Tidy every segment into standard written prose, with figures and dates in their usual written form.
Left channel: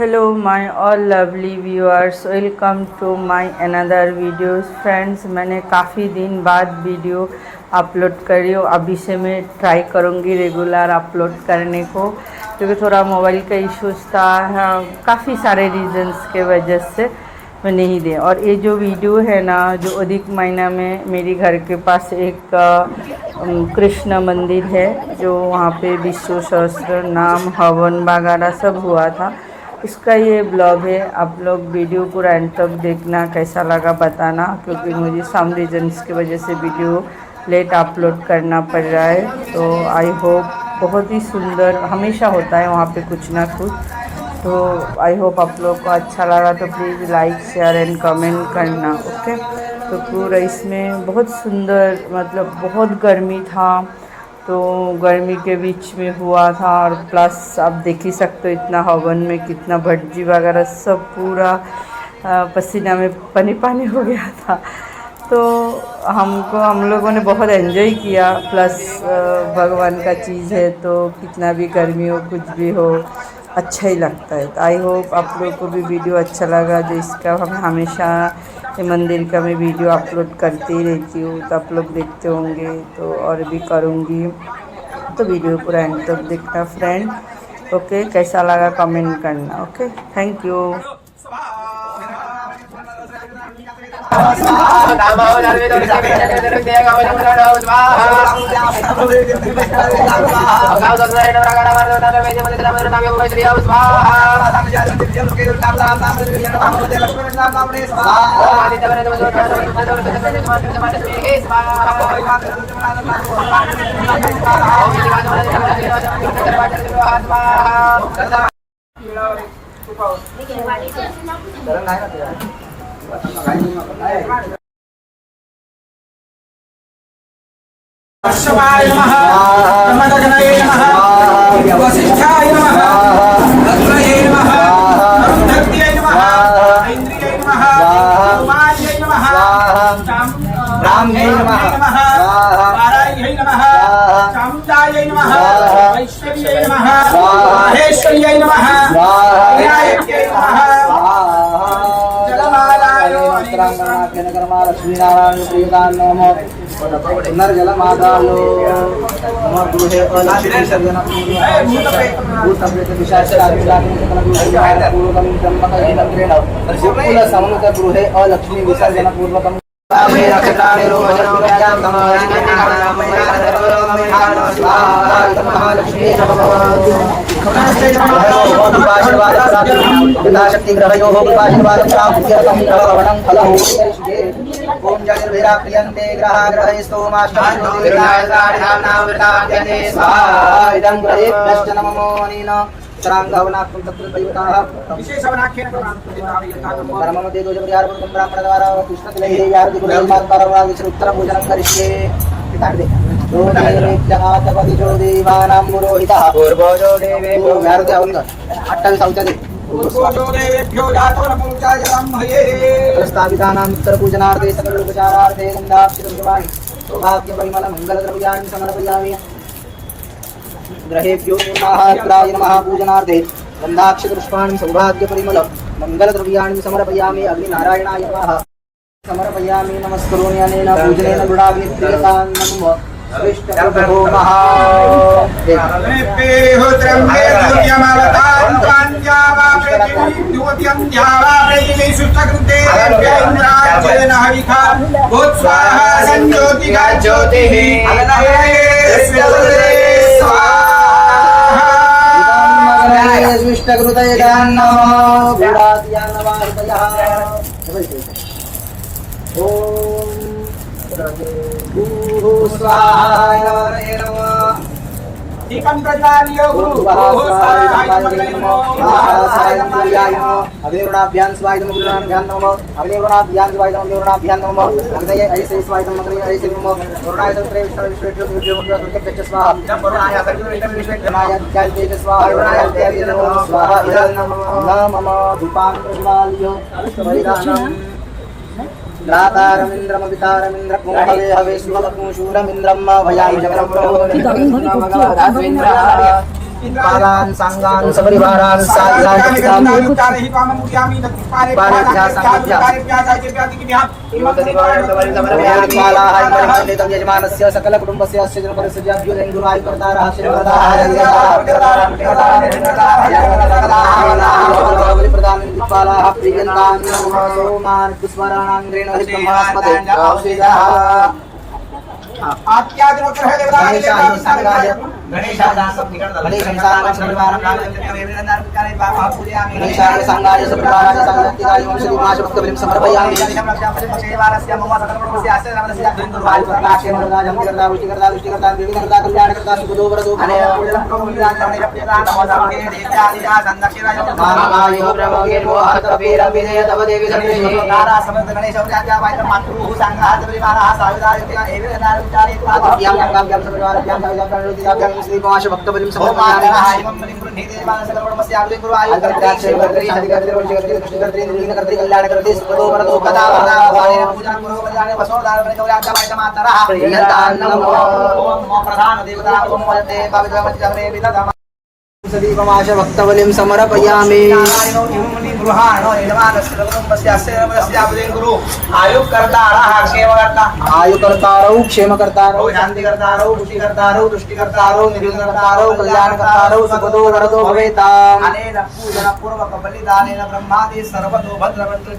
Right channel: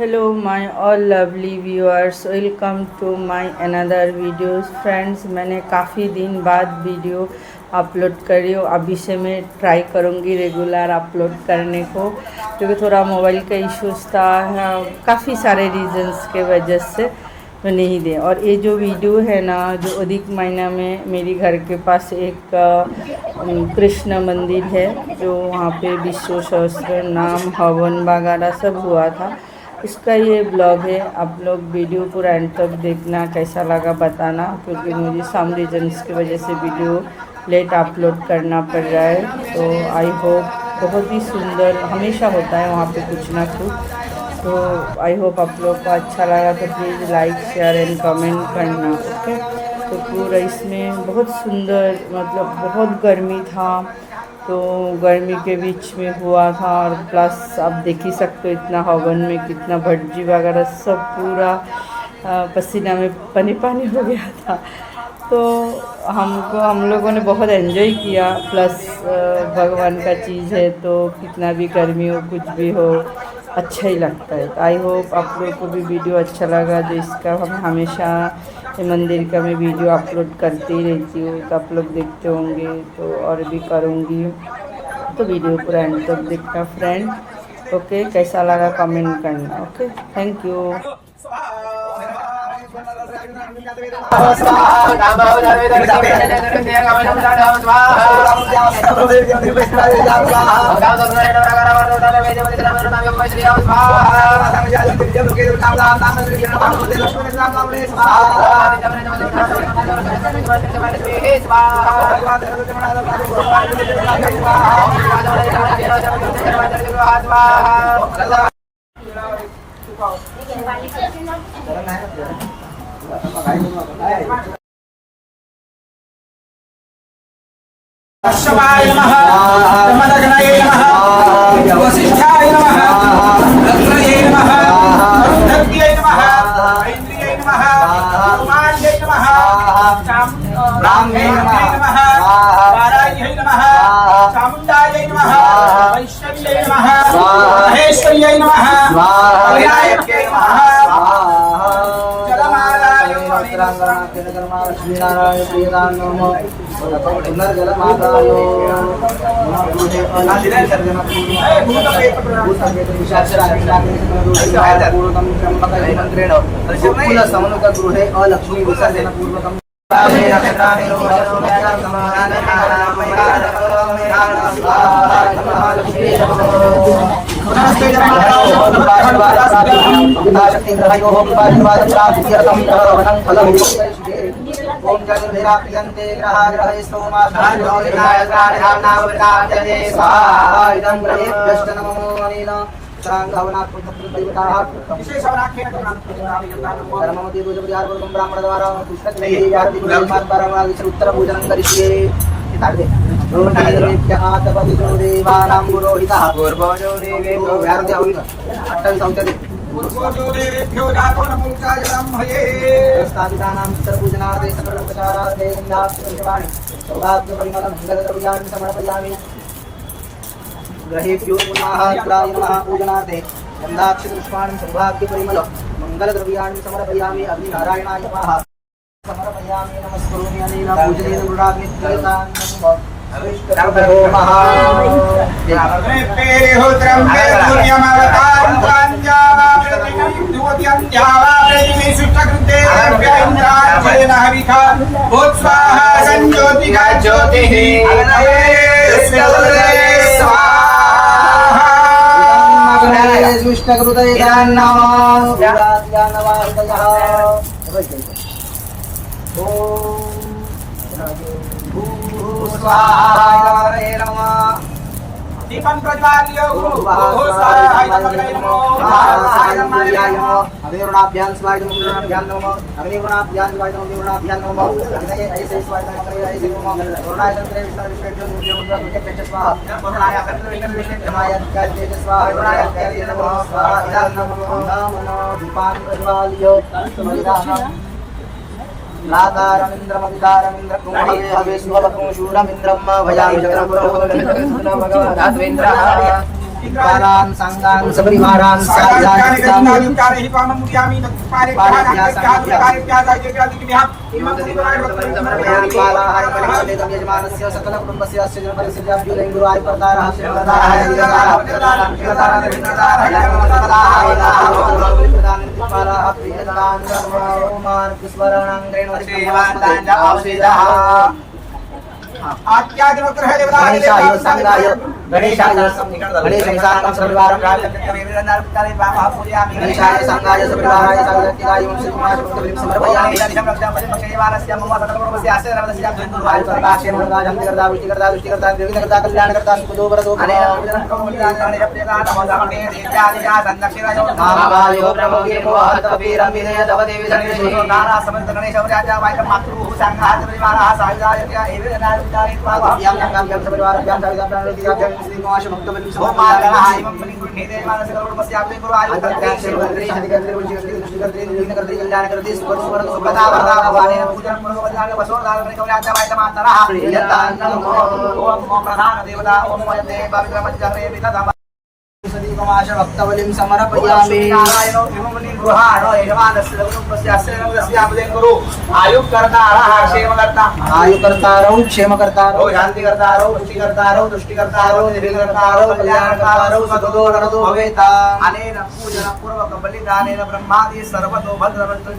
Hello my all lovely viewers, welcome to my another videos friends। मैंने काफ़ी दिन बाद वीडियो अपलोड करी हूँ। अभी से मैं ट्राई करूँगी रेगुलर अपलोड करने को, क्योंकि थोड़ा मोबाइल का इश्यूज था, काफ़ी सारे रीजंस के वजह से मैं नहीं दे। और ये जो वीडियो है ना, जो अधिक महीना में मेरी घर के पास एक कृष्ण मंदिर है, जो वहाँ पे विष्णु सहस्त्र नाम हवन वगैरह सब हुआ था, इसका ये ब्लॉग है। आप लोग वीडियो पूरा एंड तक देखना, कैसा लगा बताना, क्योंकि मुझे सम रीजन्स की वजह से वीडियो लेट अपलोड करना पड़ रहा है। तो आई होप बहुत ही सुंदर हमेशा होता है वहाँ पे कुछ ना कुछ। तो आई होप आप लोग को अच्छा लगा, तो please like share and comment करना, ओके। तो पूरा इसमें बहुत सुंदर, मतलब बहुत गर्मी था, तो गर्मी के बीच में हुआ था। और प्लस आप देख ही सकते हो इतना हवन में कितना भटजी वगैरह सब पूरा पसीना में पानी पानी हो गया था। तो हम लोगों ने बहुत एंजॉय किया। प्लस भगवान का चीज़ है, तो कितना भी गर्मी हो कुछ भी हो अच्छा ही लगता है। तो आई होप आप लोगों को भी वीडियो अच्छा लगा। जो इसका हम हमेशा ये मंदिर का मैं वीडियो अपलोड करती ही रहती हूँ, तो आप लोग देखते होंगे, तो और भी करूँगी। तो वीडियो पूरा एंड तक देखना फ्रेंड, ओके। कैसा लगा कमेंट करना, ओके। Thank you. शिवाय नमः ब्रह्मदग्नये नमः वसिष्ठाय नमः रत्नये नमः रुद्रये नमः इंद्रिये नमः कुमार्ये नमः रामये नमः वाराये नमः चामुण्डाये नमः वैष्णव्ये नमः महेश्वर्ये नमः विनायक्ये नमः जलमालाय नमः लक्ष्मीनारायण प्रियदान नमः पुनर्जलमादाय गृहे अलक्ष्मी विसर्जन पूर्वकम् ओम जगन्वेरा प्रियन्ते ग्रहा ग्रहे स्तोमाष्टो इदं ग्रहेभ्यश्च नमो अनेन चरांगवनात्मं तत्र दैवताः धर्ममध्ये दोजपरिहारपूर्वकं ब्राह्मणद्वारा पुष्पतिलैः यारति कुलमात्परवागिच उत्तरपूजनं करिष्ये। तपतिजो देवानां पुरोहितः पूर्वजो देवेभ्यो यारति अवंग 28 औचदे स्थापितानां उत्तरपूजनार्थे सकलोपचारार्थे गन्धाक्षरपुष्पाणि सौभाग्यपरिमल मङ्गलद्रव्याणि समर्पयामि। ग्रहेभ्यो महात्राय नमः पूजनार्थे गन्धाक्षरपुष्पाणि सौभाग्यपरिमल मङ्गलद्रव्याणि समर्पयामि। अग्निनारायणाय नमः समर्पयामि। नमस्करोमि अनेन पूजनेन गुणाग्निप्रियतां नमः विष्णुभो दीपं प्रज्वाल्यो अग्निवर्णाभ्यां स्वाय नमः अग्निवर्णाभ्यां स्वाय नमः अग्निवर्णाभ्यां नमः अग्नये ऐसे स्वाय नमः ऐसे नमः वर्णाय तत्रे विष्णु स्वाहा वर्णाय अग्निवेदं विष्णुजनाय ज्ञानतेज स्वाहा वर्णाय देवी नमः स्वाहा इदं नमः मम दीपां प्रज्वाल्यो परिधानम् नातारमिन्द्रमपितारमिन्द्रकुं हवे हवे सुभवकुं शूरमिन्द्रं भयामि चक्रं प्रभो भगवानाद्वेन्द्रः पादान सांगान सपरिवारान साध्यान चित्तान पालेभ्यः सांगभ्यः यजमानस्य सकल कुटुंबस्य अस्य जनपदस्य व्याप्तिं गुरु आयुकर्तारः श्रीकर्तारः प्रदान दिक्पालाः प्रियन्तान् सोमान पुष्पराणां रेणुहितमस्मते गणेशाय संगाय गणेशं साङ्गं सपरिवारं गणेशाय संगाय सपरिवाराय साङ्गत्याय वंशदीपाश भक्तबलिं समर्पयामि वृष्टिकर्ता विघ्नकर्ता कल्याणकर्ता सुखदो वरदो मानवाय प्रभवे मोहतवीरं विजय तव देवी सन्निधि गणेश मातृभूः संगाय सपरिवारः सायुधाय पादव्यां गंगाभ्यां सपरिवारभ्यां सायुधाभ्यां श्रीगोमाश भक्तबलिं समर्पयामि शांतिकर्त्री निर्विघ्नकर्त्री कल्याणकर्त्री सुखदो वरदो कदा सदीपमाश भक्तबलिं समर्पयामि आयुकर्तारौ क्षेमकर्तारौ शांतिकर्तारौ पुष्टिकर्तारौ तुष्टिकर्तारौ निर्विघ्नकर्तारौ कल्याणकर्तारौ सुखदो वरदो भवेताम् अनेन पूजन पूर्वक बलिदानेन ब्रह्मादि सर्वतो भद्रवन्तु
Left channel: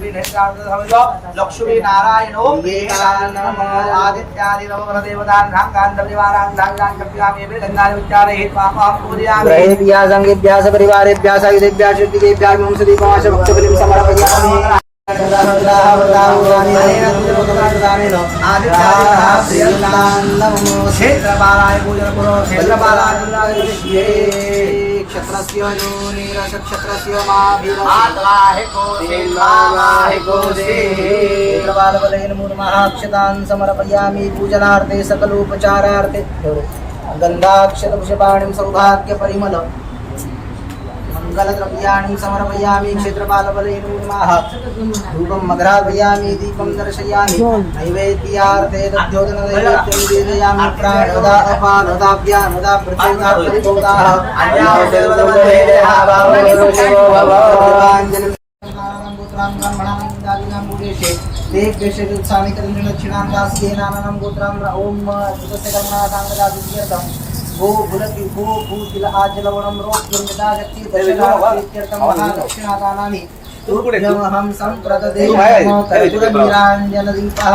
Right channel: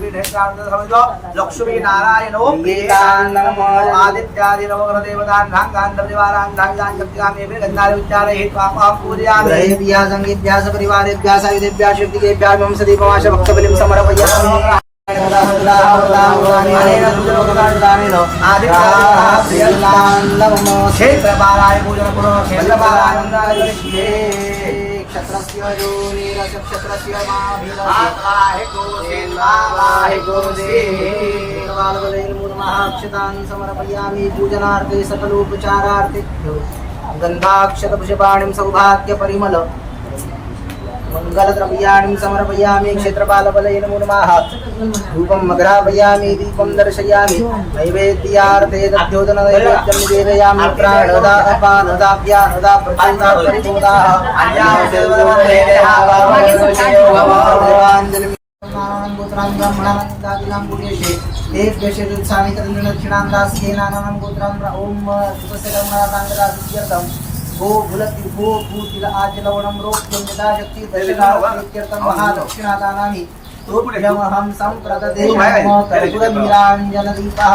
लक्ष्मी नारायणो आदित्यादि नवग्रहदेवतान् भाङ्गान् धाङ्गान् कप्यामि गङ्गाय उच्चारये पापं पूजयामि संगीभ्याः सपरिवारेभ्यः सायुधेभ्यः शक्तिदेभ्यः वंशदीपमाश भक्तबलिं समर्पयामि क्षत्रस्य क्षत्रस्य महाक्षतान् समर्पयामि पूजनार्थे सकलोपचारार्थे गन्धाक्षतपुष्पाणिं सौभाग्यपरिमल मङ्गलद्रव्याणि समर्पयामि क्षेत्रपालबलेन नमः धूपं मघ्रापयामि दीपं दर्शयामि नैवेद्यार्थे दध्योदनैवेद्यं निवेदयामि प्राणदा अपानदाभ्यानदा प्रचण्डा परिभूताः भू भुलति भू भूतिल आजलवणं रोक्यं यदा शक्ति दर्शनार्थं महादक्षिणादानानि तुभ्यमहं सम्प्रददे नमो कर्पूरनीराञ्जनदीपः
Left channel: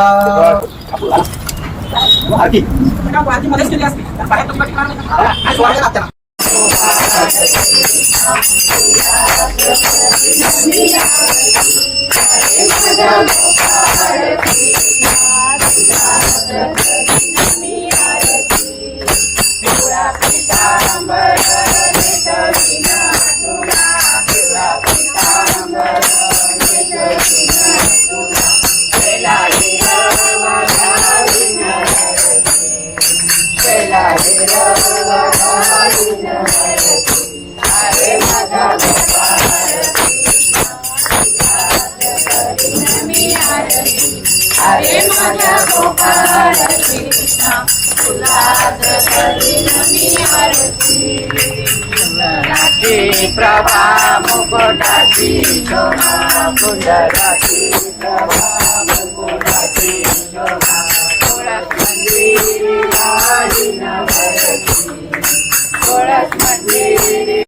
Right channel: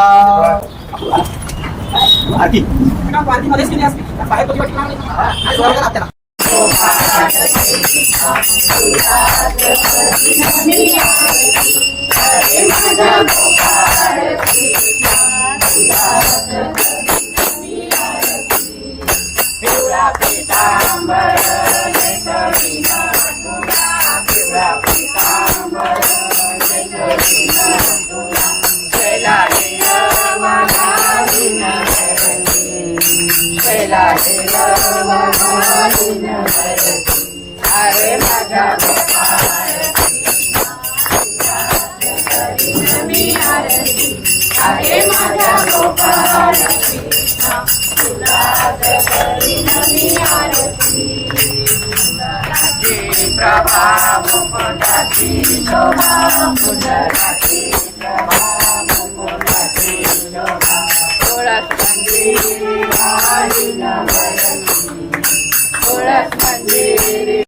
प्रभा मुकुटाची शोभा कुंडलाची प्रभा मुकुटाची शोभा तुळस मंदिरी हरी नवरती तुळस मंदिरी